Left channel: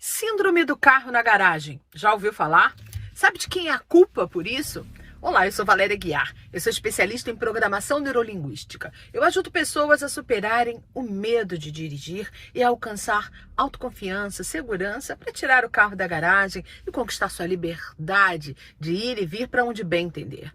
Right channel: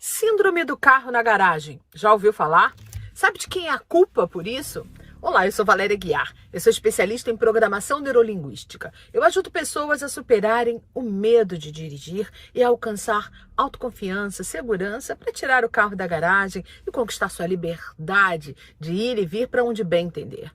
Síndrome do carro na garagem. Já ouviu falar? Sabe de quem é a culpa por isso? Olá, eu sou Valéria Guiar. Eu sou especialista em programação neurolinguística. Eu ajudo pessoas a superarem o medo de dirigir e a alcançar autoconfiança, segurança para tirar o carro da garagem e conquistar sua liberdade de ir e vir para onde bem entender.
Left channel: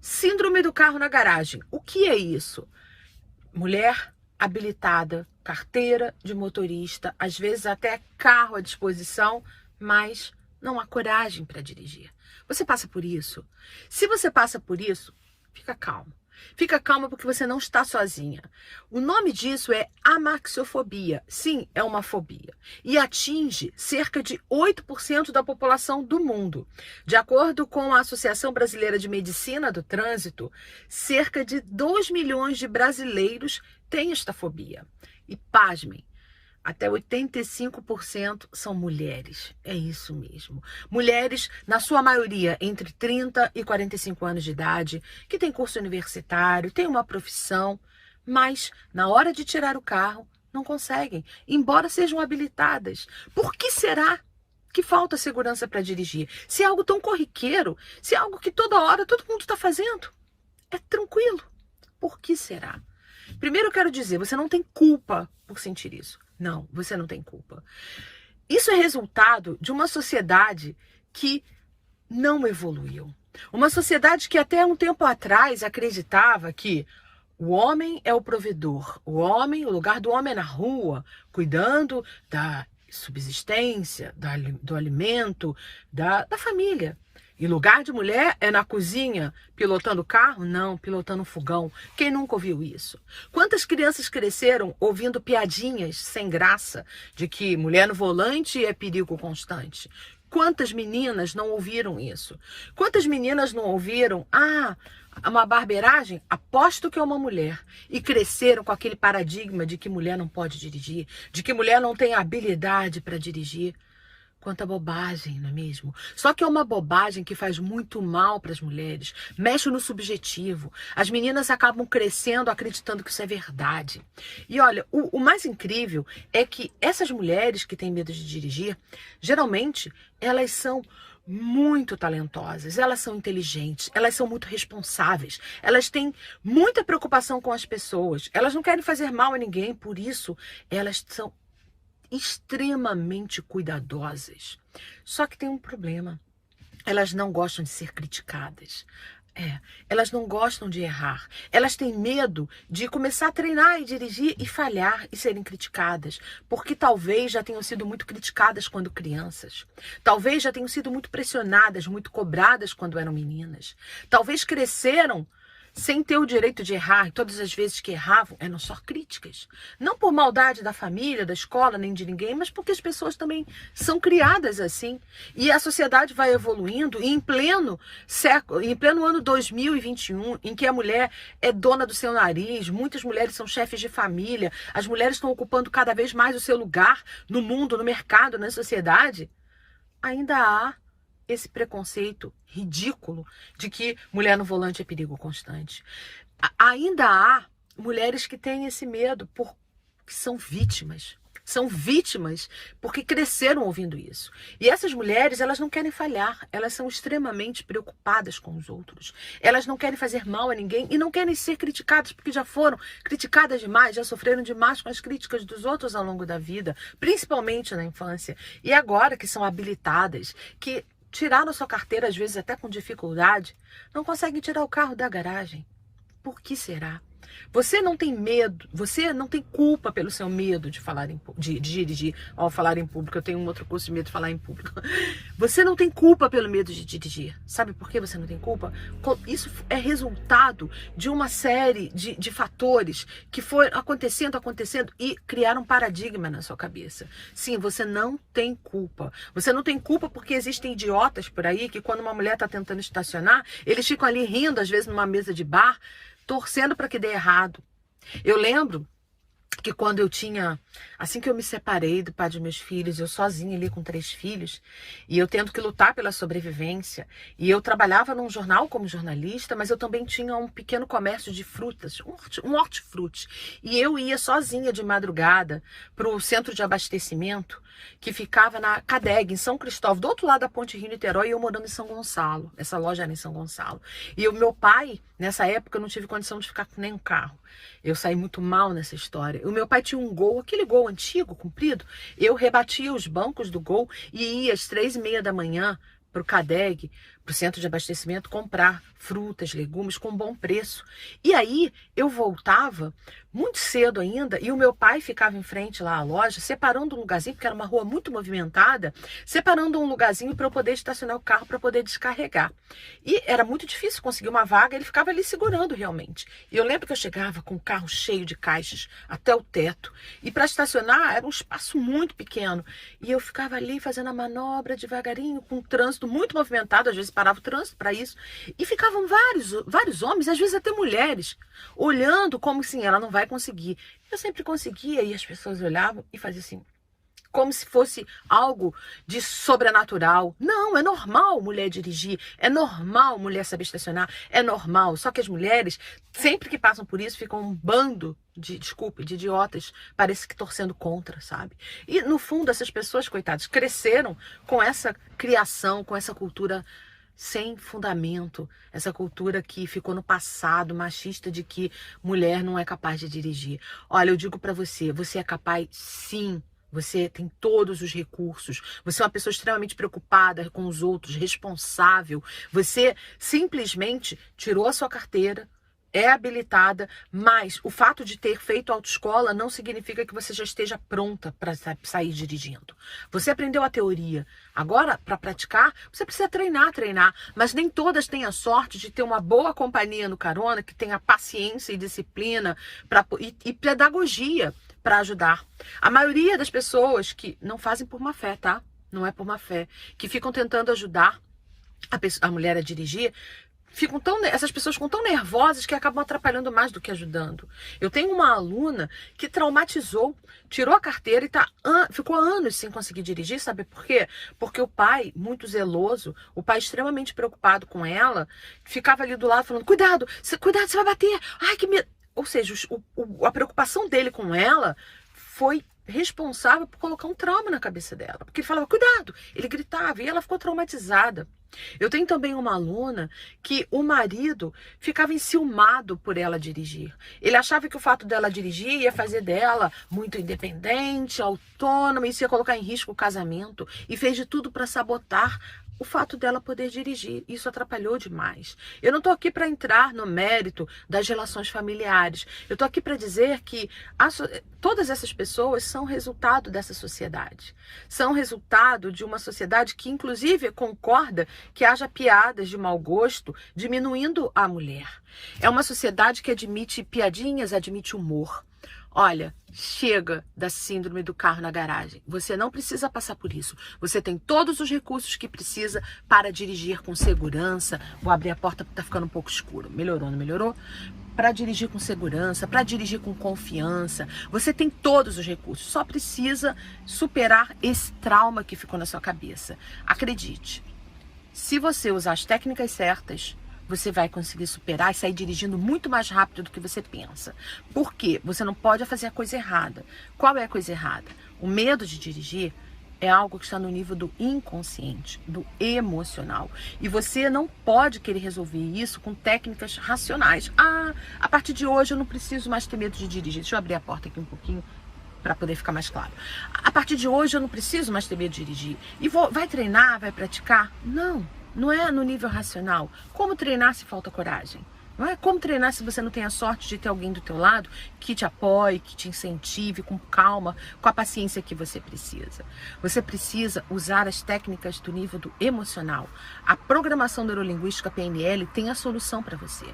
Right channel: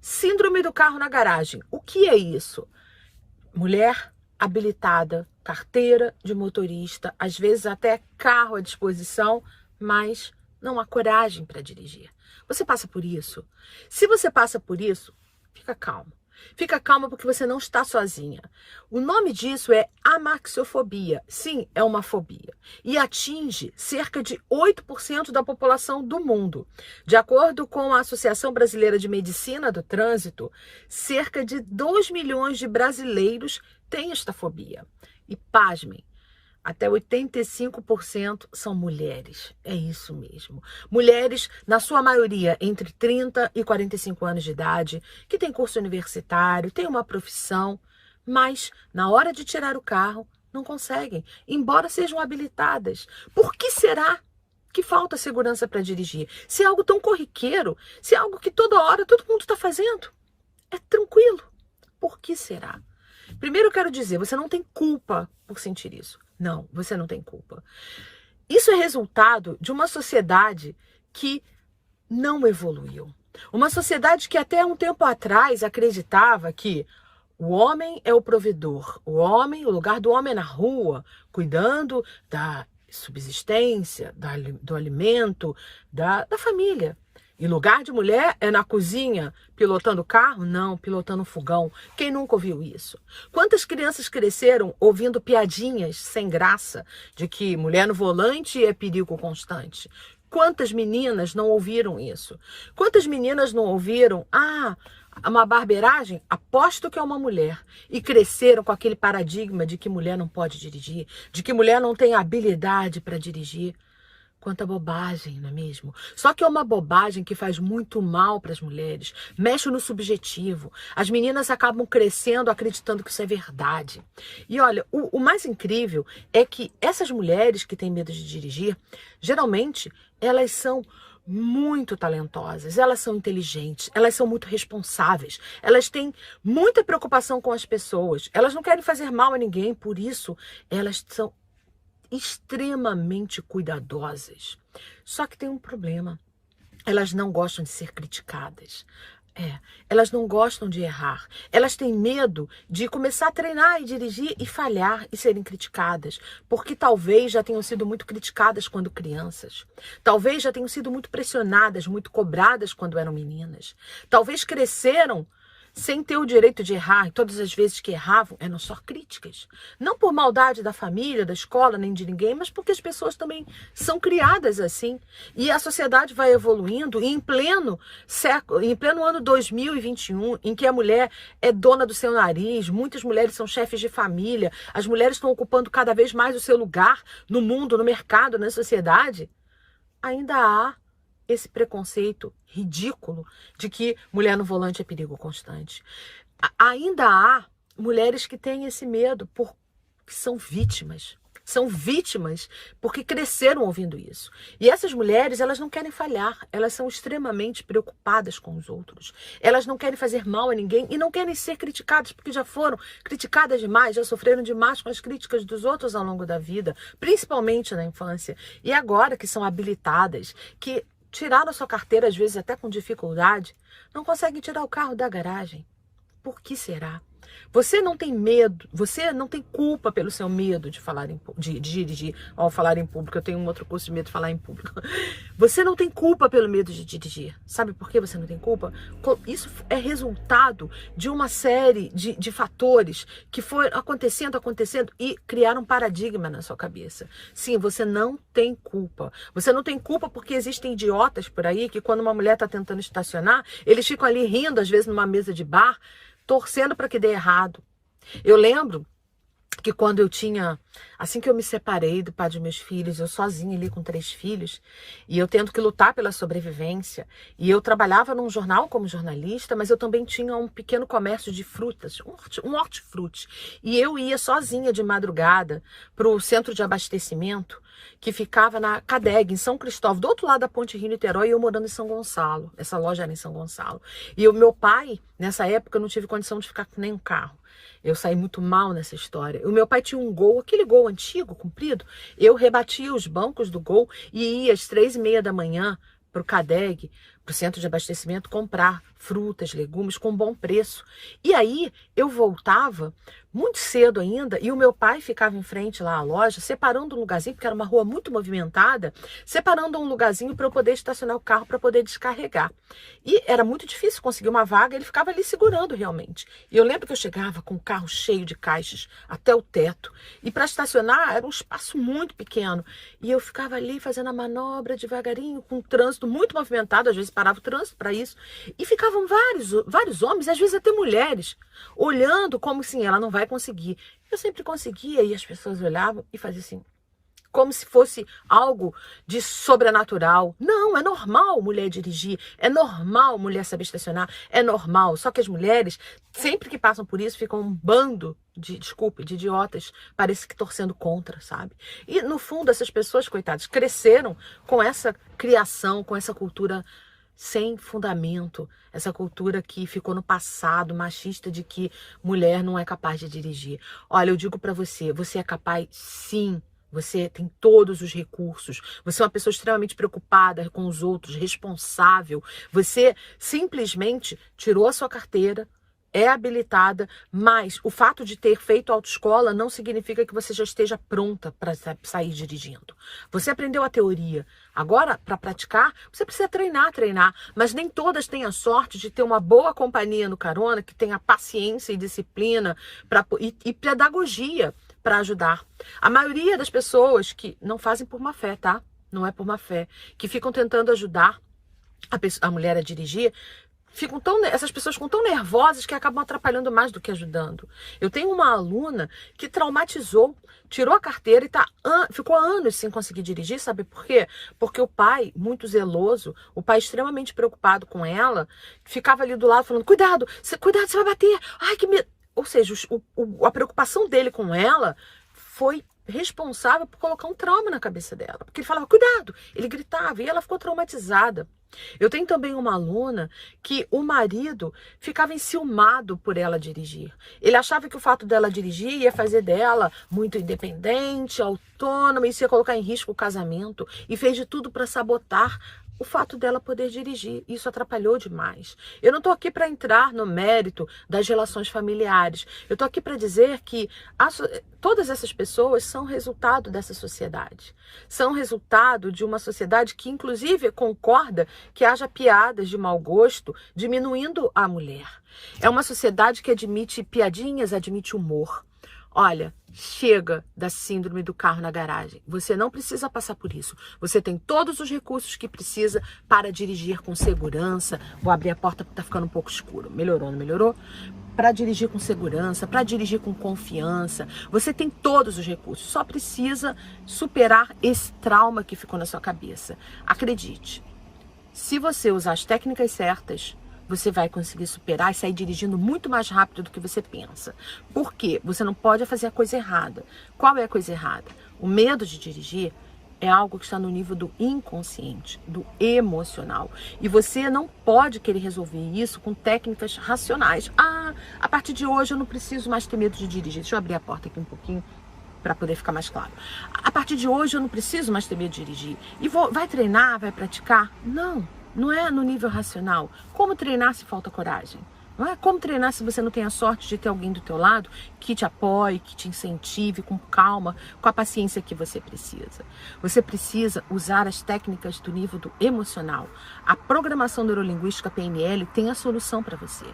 Síndrome do carro na garagem. O que é isso? Mulher habilitada, carteira de motorista, às vezes até carro à disposição, mas não há coragem para dirigir. Você passa por isso? Se você passa por isso, fica calmo. Fica calma porque você não está sozinha. O nome disso é amaxiofobia. Sim, é uma fobia. E atinge cerca de 8% da população do mundo. De acordo com a Associação Brasileira de Medicina do Trânsito, cerca de 2 milhões de brasileiros têm esta fobia. E pasmem, até 85% são mulheres. É isso mesmo. Mulheres, na sua maioria, entre 30 e 45 anos de idade, que têm curso universitário, têm uma profissão, mas na hora de tirar o carro, não conseguem, embora sejam habilitadas. Por que será que falta segurança para dirigir? Se é algo tão corriqueiro, se é algo que toda hora todo mundo está fazendo, é tranquilo. Por que será? Primeiro eu quero dizer, você não tem culpa por sentir isso. Não, você não tem culpa. Isso é resultado de uma sociedade que não evoluiu. Uma sociedade que até um tempo atrás acreditava que o homem é o provedor. O lugar do homem é na rua, cuidando da subsistência, do alimento, da família. E lugar de mulher é na cozinha, pilotando carro? Não, pilotando fogão. Quem nunca ouviu isso? Quantas crianças cresceram ouvindo piadinhas sem graça de que mulher no volante é perigo constante? Quantas meninas não ouviram isso? Quantas meninas não ouviram, uma barbeiragem? Aposto que é uma mulher. E cresceram com aquele paradigma de que mulher não pode dirigir, de que mulher não tem habilidade para dirigir. Quanta bobagem, não é mesmo? Só que é uma bobagem que faz muito mal para as mulheres, mexe no subjetivo. As meninas acabam crescendo acreditando que isso é verdade. E olha, o mais incrível é que essas mulheres que têm medo de dirigir, geralmente elas são muito talentosas, elas são inteligentes, elas são muito responsáveis, elas têm muita preocupação com as pessoas, elas não querem fazer mal a ninguém, por isso elas são extremamente cuidadosas. Só que tem um problema. Elas não gostam de ser criticadas. Elas não gostam de errar. Elas têm medo de começar a treinar e dirigir e falhar e serem criticadas. Porque talvez já tenham sido muito criticadas quando crianças. Talvez já tenham sido muito pressionadas, muito cobradas quando eram meninas. Talvez cresceram sem ter o direito de errar, e todas as vezes que erravam eram só críticas. Não por maldade da família, da escola, nem de ninguém, mas porque as pessoas também são criadas assim. E a sociedade vai evoluindo, e em pleno século, em pleno ano 2021, em que a mulher é dona do seu nariz, muitas mulheres são chefes de família, as mulheres estão ocupando cada vez mais o seu lugar no mundo, no mercado, na sociedade, ainda há esse preconceito ridículo de que mulher no volante é perigo constante. Ainda há mulheres que têm esse medo porque são vítimas. São vítimas porque cresceram ouvindo isso. E essas mulheres, elas não querem falhar. Elas são extremamente preocupadas com os outros. Elas não querem fazer mal a ninguém e não querem ser criticadas porque já foram criticadas demais, já sofreram demais com as críticas dos outros ao longo da vida, principalmente na infância. E agora que são habilitadas, que tiraram sua carteira, às vezes até com dificuldade, não conseguem tirar o carro da garagem. Por que será? Você não tem medo, você não tem culpa pelo seu medo de falar de dirigir. Ao falar em público, eu tenho um outro curso de medo de falar em público. Você não tem culpa pelo medo de dirigir. Sabe por que você não tem culpa? Isso é resultado de uma série de fatores que foram acontecendo e criaram um paradigma na sua cabeça. Sim, você não tem culpa. Você não tem culpa porque existem idiotas por aí que quando uma mulher está tentando estacionar, eles ficam ali rindo, às vezes numa mesa de bar, torcendo para que dê errado. Eu lembro que quando eu tinha, assim que eu me separei do pai dos meus filhos, eu sozinha ali com 3 filhos, e eu tendo que lutar pela sobrevivência, e eu trabalhava num jornal como jornalista, mas eu também tinha um pequeno comércio de frutas, um hortifruti, e eu ia sozinha de madrugada para o centro de abastecimento, que ficava na CADEG, em São Cristóvão, do outro lado da Ponte Rio-Niterói, e eu morando em São Gonçalo, essa loja era em São Gonçalo, e o meu pai, nessa época, eu não tive condição de ficar com nenhum carro. Eu saí muito mal nessa história. O meu pai tinha um Gol, aquele Gol antigo, comprido. Eu rebatia os bancos do Gol e ia às 3h30 da manhã para o CADEG, para o centro de abastecimento, comprar frutas, legumes com bom preço. E aí eu voltava muito cedo ainda e o meu pai ficava em frente lá à loja, separando um lugarzinho, porque era uma rua muito movimentada, separando um lugarzinho para eu poder estacionar o carro, para poder descarregar. E era muito difícil conseguir uma vaga, ele ficava ali segurando realmente. E eu lembro que eu chegava com o carro cheio de caixas até o teto. E para estacionar era um espaço muito pequeno. E eu ficava ali fazendo a manobra devagarinho, com o trânsito muito movimentado, às vezes parava o trânsito para isso. E ficavam vários homens, às vezes até mulheres, olhando como assim, ela não vai conseguir. Eu sempre conseguia e as pessoas olhavam e faziam assim, como se fosse algo de sobrenatural. Não, é normal mulher dirigir, é normal mulher saber estacionar, é normal. Só que as mulheres, sempre que passam por isso, ficam um bando de idiotas, parece que torcendo contra, sabe? E no fundo, essas pessoas, coitadas, cresceram com essa criação, com essa cultura sem fundamento, essa cultura que ficou no passado, machista, de que mulher não é capaz de dirigir. Olha, eu digo pra você, você é capaz sim. Você tem todos os recursos, você é uma pessoa extremamente preocupada com os outros, responsável. Você simplesmente tirou a sua carteira, é habilitada, mas o fato de ter feito autoescola não significa que você já esteja pronta para sair dirigindo. Você aprendeu a teoria. Agora, para praticar, você precisa treinar, mas nem todas têm a sorte de ter uma boa companhia no carona, que tenha paciência e disciplina e pedagogia para ajudar. A maioria das pessoas que não fazem por má fé, tá? Não é por má fé, que ficam tentando ajudar a mulher a dirigir, essas pessoas ficam tão nervosas que acabam atrapalhando mais do que ajudando. Eu tenho uma aluna que traumatizou, tirou a carteira e ficou anos sem conseguir dirigir, sabe por quê? Porque o pai, muito zeloso, o pai extremamente preocupado com ela, ficava ali do lado falando, cuidado, você vai bater, ai que medo. Ou seja, a preocupação dele com ela foi responsável por colocar um trauma na cabeça dela. Porque ele falava, cuidado, ele gritava e ela ficou traumatizada. Eu tenho também uma aluna que o marido ficava enciumado por ela dirigir. Ele achava que o fato dela dirigir ia fazer dela muito independente, autônoma, isso ia colocar em risco o casamento e fez de tudo para sabotar o fato dela poder dirigir. Isso atrapalhou demais. Eu não estou aqui para entrar no mérito das relações familiares. Eu estou aqui para dizer que todas essas pessoas são resultado dessa sociedade. São resultado de uma sociedade que, inclusive, concorda que haja piadas de mau gosto, diminuindo a mulher. É uma sociedade que admite piadinhas, admite humor. Olha, chega da síndrome do carro na garagem. Você não precisa passar por isso. Você tem todos os recursos que precisa para dirigir com segurança. Vou abrir a porta porque está ficando um pouco escuro. Melhorou, não melhorou? Para dirigir com segurança, para dirigir com confiança. Você tem todos os recursos. Só precisa superar esse trauma que ficou na sua cabeça. Acredite, se você usar as técnicas certas, você vai conseguir superar e sair dirigindo muito mais rápido do que você pensa. Por quê? Você não pode fazer a coisa errada. Qual é a coisa errada? O medo de dirigir é algo que está no nível do inconsciente, do emocional. E você não pode querer resolver isso com técnicas racionais. A partir de hoje eu não preciso mais ter medo de dirigir. Deixa eu abrir a porta aqui um pouquinho para poder ficar mais claro. A partir de hoje eu não preciso mais ter medo de dirigir. E vai treinar, vai praticar? Não é no nível racional. Como treinar se falta coragem? Não é como treinar se você não tem a sorte de ter alguém do teu lado que te apoie, que te incentive com calma, com a paciência que você precisa. Você precisa usar as técnicas do nível do emocional. A programação neurolinguística PNL tem a solução para você.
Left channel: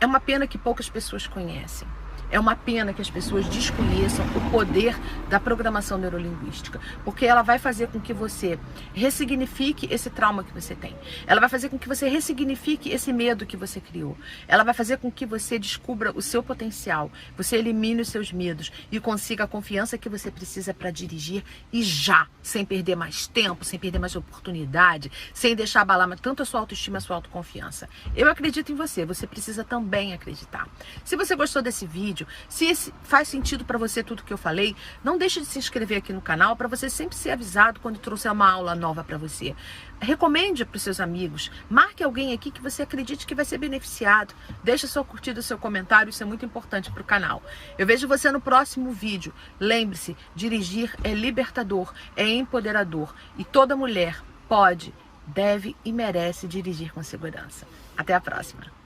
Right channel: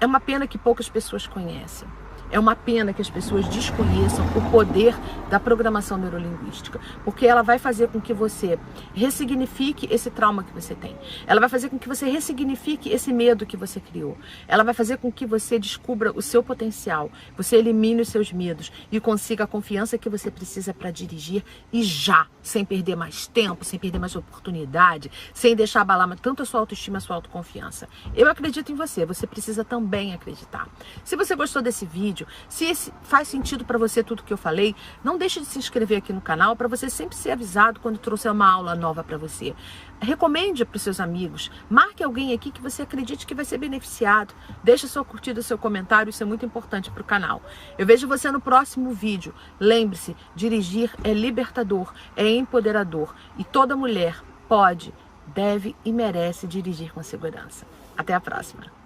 É uma pena que poucas pessoas conhecem. É uma pena que as pessoas desconheçam o poder da programação neurolinguística, porque ela vai fazer com que você ressignifique esse trauma que você tem. Ela vai fazer com que você ressignifique esse medo que você criou. Ela vai fazer com que você descubra o seu potencial, você elimine os seus medos e consiga a confiança que você precisa para dirigir e já, sem perder mais tempo, sem perder mais oportunidade, sem deixar abalar tanto a sua autoestima e a sua autoconfiança. Eu acredito em você, você precisa também acreditar. Se você gostou desse vídeo, se faz sentido para você tudo que eu falei, não deixe de se inscrever aqui no canal para você sempre ser avisado quando trouxer uma aula nova para você. Recomende para os seus amigos, marque alguém aqui que você acredite que vai ser beneficiado. Deixe sua curtida, seu comentário, isso é muito importante para o canal. Eu vejo você no próximo vídeo. Lembre-se, dirigir é libertador, é empoderador e toda mulher pode, deve e merece dirigir com segurança. Até a próxima.